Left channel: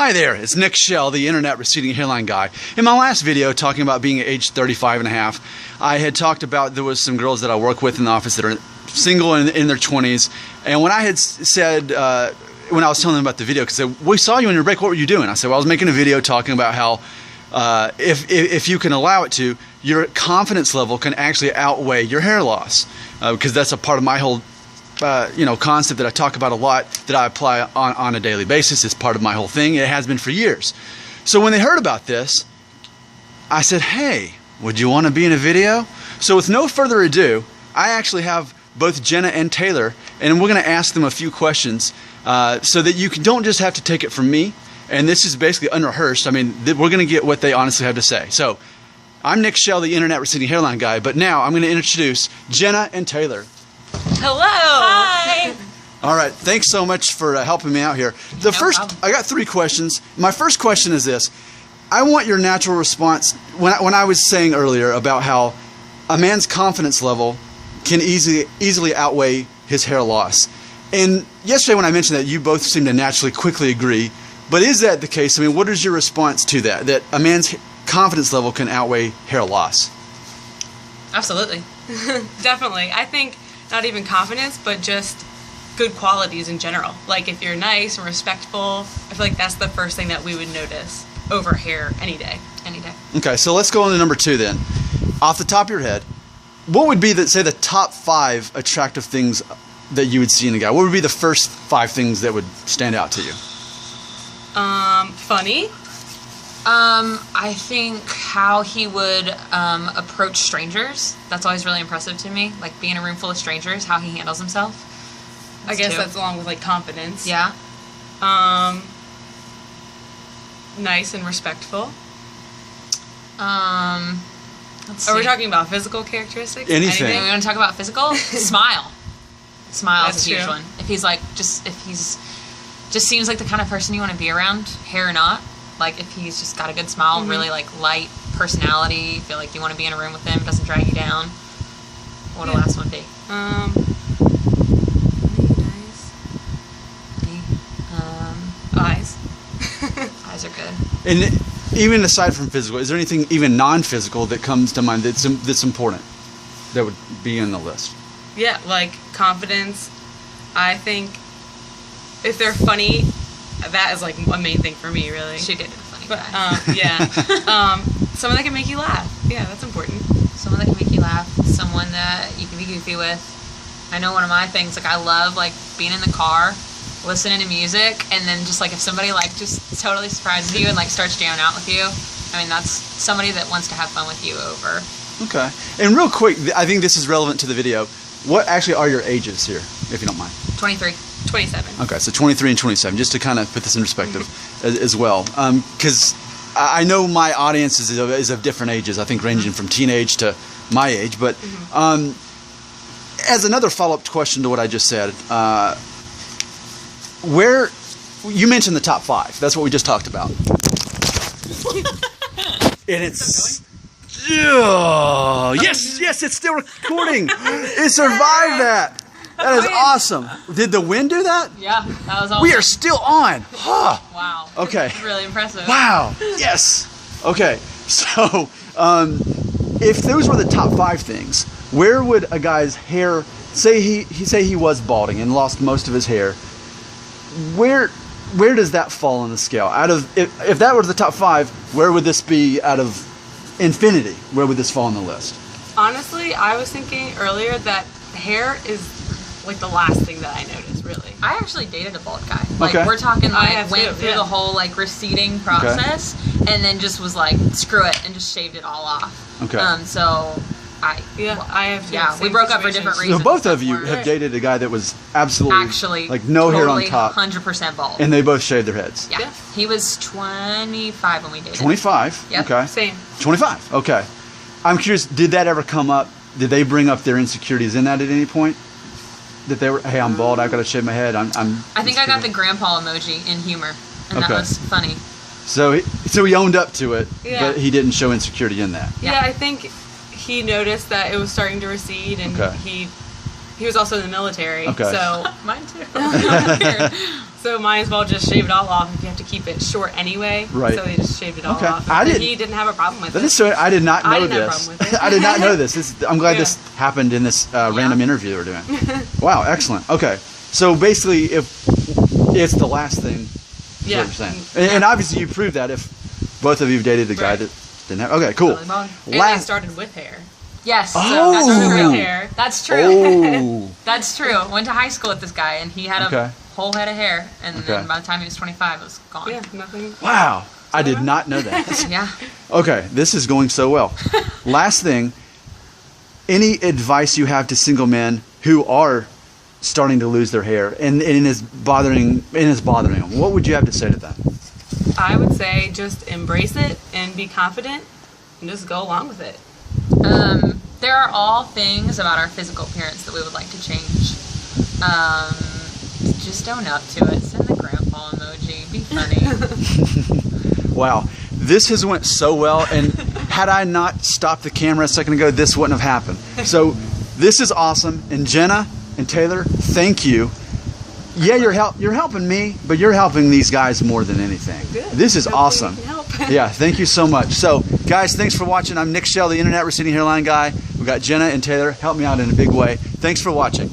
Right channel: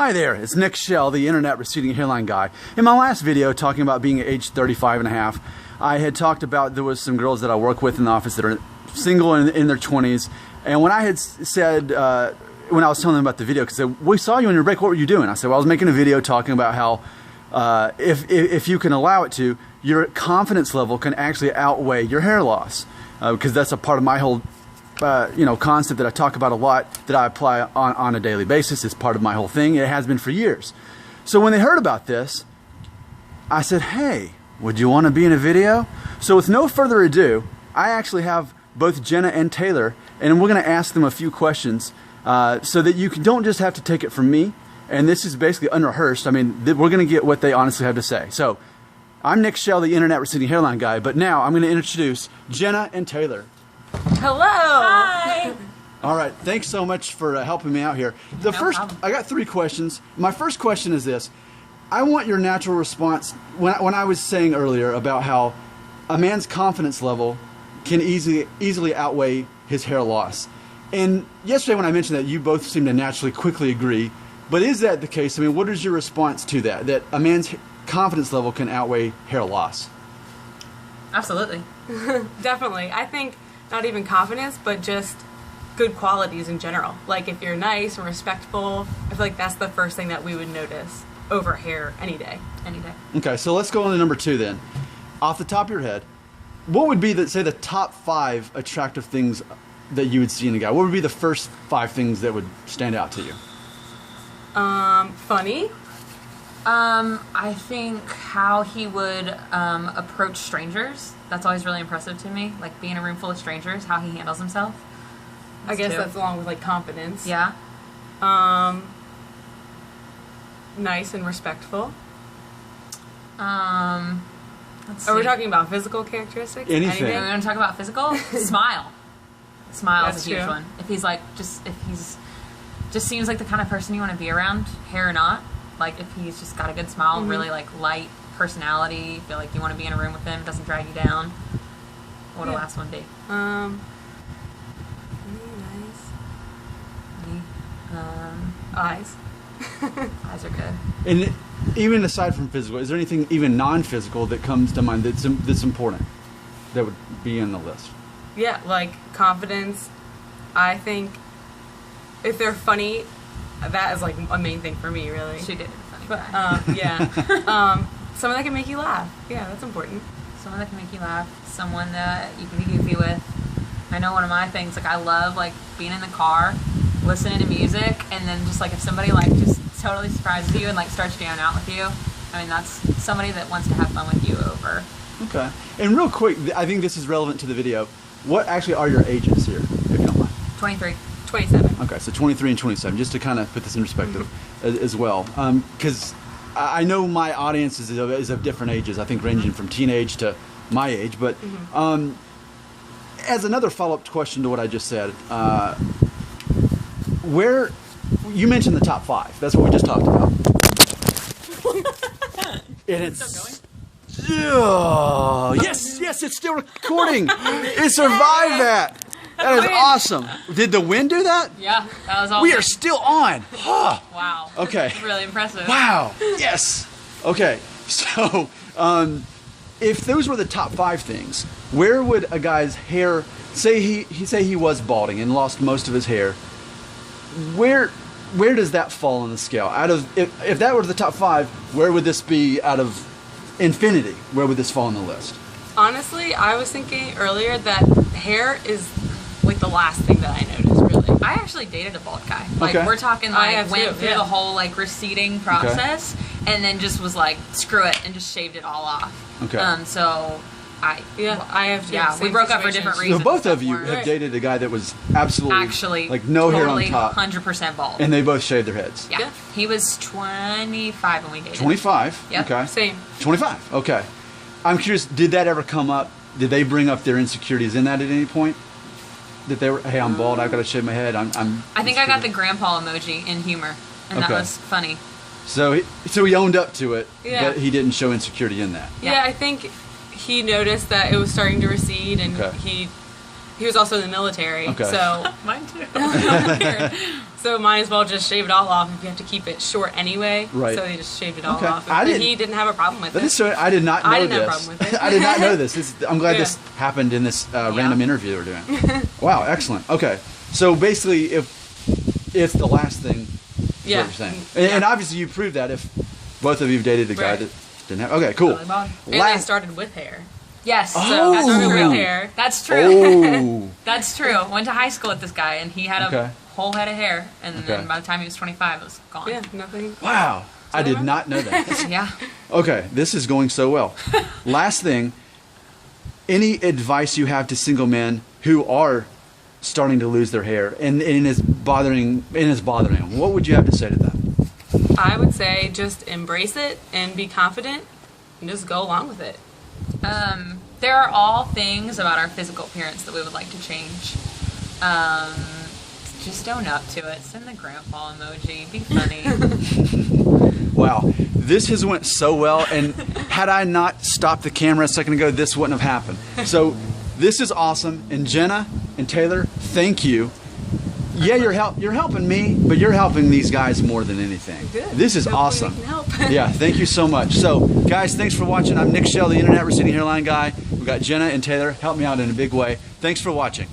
Hi there, it's Nick Shell, the internet receding hairline guy. In my last video talking about being age 35 and a half, I had talked about there was some girls that I work with in the office that are single and in their 20s, and when I had said, when I was telling them about the video, because they said, we saw you on your break, what were you doing? I said, well, I was making a video talking about how if you can allow it to, your confidence level can actually outweigh your hair loss, because that's a part of my whole concept that I talk about a lot, that I apply on a daily basis. It's part of my whole thing. It has been for years. So when they heard about this, I said, hey, would you want to be in a video? So with no further ado, I actually have both Jenna and Taylor, and we're going to ask them a few questions so that you don't just have to take it from me. And this is basically unrehearsed. I mean, we're going to get what they honestly have to say. So I'm Nick Shell, the internet receding hairline guy, but now I'm going to introduce Jenna and Taylor. Hello. Hi. All right. Thanks so much for helping me out here. I got 3 questions. My first question is this. I want your natural response when I was saying earlier about how a man's confidence level can easily outweigh his hair loss. And yesterday when I mentioned that, you both seemed to naturally quickly agree. But is that the case? I mean, what is your response to that? That a man's confidence level can outweigh hair loss? Absolutely. Definitely. I think not even confidence, but just good qualities in general. Like if you're nice and respectful, I feel like that's the first thing that we would notice over hair any day. Any day. Okay, so let's go on to number 2 then. Off the top of your head, what would be say the top 5 attractive things that you would see in a guy? What would be the first 5 things that would stand out to you? Funny. I think how he would approach strangers. That's always really impressive to me. Like being in a room full of strangers, how he handles himself. I guess that's along with like confidence. Yeah. Nice and respectful. Are we talking about physical characteristics? Anything. We want to talk about physical? Smile. Smile is a huge true. one. If he's just seems like the kind of person you want to be around, hair or not. Like if he's just got a good smile, really like light personality, feel like you want to be in a room with him, doesn't drag you down. What would the last one be? Nice. Eyes. Eyes are good. And even aside from physical, is there anything even non-physical that comes to mind that's important that would be in the list? Yeah, like confidence. I think if they're funny, that is like a main thing for me, really. She did a funny guy. Yeah. Someone that can make you laugh. Yeah, that's important. Someone that can make you laugh. Someone that you can be goofy with. I know one of my things, like I love like being in the car, listening to music, and then just like if somebody like just totally surprises you and like starts jamming out with you, I mean that's somebody that wants to have fun with you over. Okay. And real quick, I think this is relevant to the video. What actually are your ages here, if you don't mind? 23. 27. Okay, so 23 and 27, just to kind of put this in perspective as well. Because I know my audience is of different ages, I think ranging from teenage to my age. But as another follow-up question to what I just said, where you mentioned the top 5. That's what we just talked about. And it's... yes, it's still recording. It survived that. That is awesome. Did the wind do that? Yeah, that was awesome. We are still on. Huh. Wow. Okay. Really impressive. Wow. Yes. Okay. So, if those were the top 5 things, where would a guy's hair? Say he was balding and lost most of his hair. Where does that fall on the scale? Out of if that were the top 5, where would this be out of infinity? Where would this fall on the list? Honestly, I was thinking earlier that hair is like the last thing that I noticed, really. I actually dated a bald guy. Like Okay. we're talking like went through the whole like receding process and then just was like screw it and just shaved it all off. Okay. So I have we broke up for different reasons. So both of you have dated a guy that was absolutely actually like no totally hair on top, 100% bald. and they both shaved their heads. Yeah. He was 25 when we dated. 25. Yep. Okay. Same. 25. Okay. I'm curious. Did that ever come up? Did they bring up their insecurities in that at any point? That they were, hey, I'm bald. I've got to shave my head. I think I got the grandpa emoji in humor, and that was funny. So he owned up to it, Yeah. but he didn't show insecurity in that. Yeah, I think he noticed that it was starting to recede, and he was also in the military. Okay. So Mine too. So might as well just shave it all off if you have to keep it short anyway. Right. So they just shaved it all Okay. off. I But didn't- he didn't have a problem with That it. is so, I did not know I didn't this. have a problem with it. I did not know this. I'm glad Yeah. this happened in this random interview we're doing. Wow, excellent. Okay, so basically, if it's the last thing, is Yeah. what you're saying. And obviously, you proved that if both of you dated a guy Right. that didn't have. Okay, cool. And they started with hair. Yes. Oh. So that's Started true. with hair. That's true. Oh, That's true. Went to high school with this guy, and he had Okay. a whole head of hair, and Okay. then by the time he was 25, it was gone. Yeah, nothing. wow! I did not know that. Yeah. Okay, this is going so well. Last thing, any advice you have to single men who are starting to lose their hair and it is bothering them? What would you have to say to them? I would say just embrace it and be confident and just go along with it. There are all things about our physical appearance that we would like to change. Just own up to it. Send the grandpa emoji. Be funny. Wow, this has went so well, and had I not stopped the camera a second ago, this wouldn't have happened. So this is awesome, and Jenna and Taylor, thank you. Yeah, you're helping me, but you're helping these guys more than anything. Good. This is Hopefully awesome. we can help. Yeah, thank you so much. So, guys, thanks for watching. I'm Nick Shell, the Internet Receding Hairline Guy. We've got Jenna and Taylor. Help me out in a big way. Thanks for watching.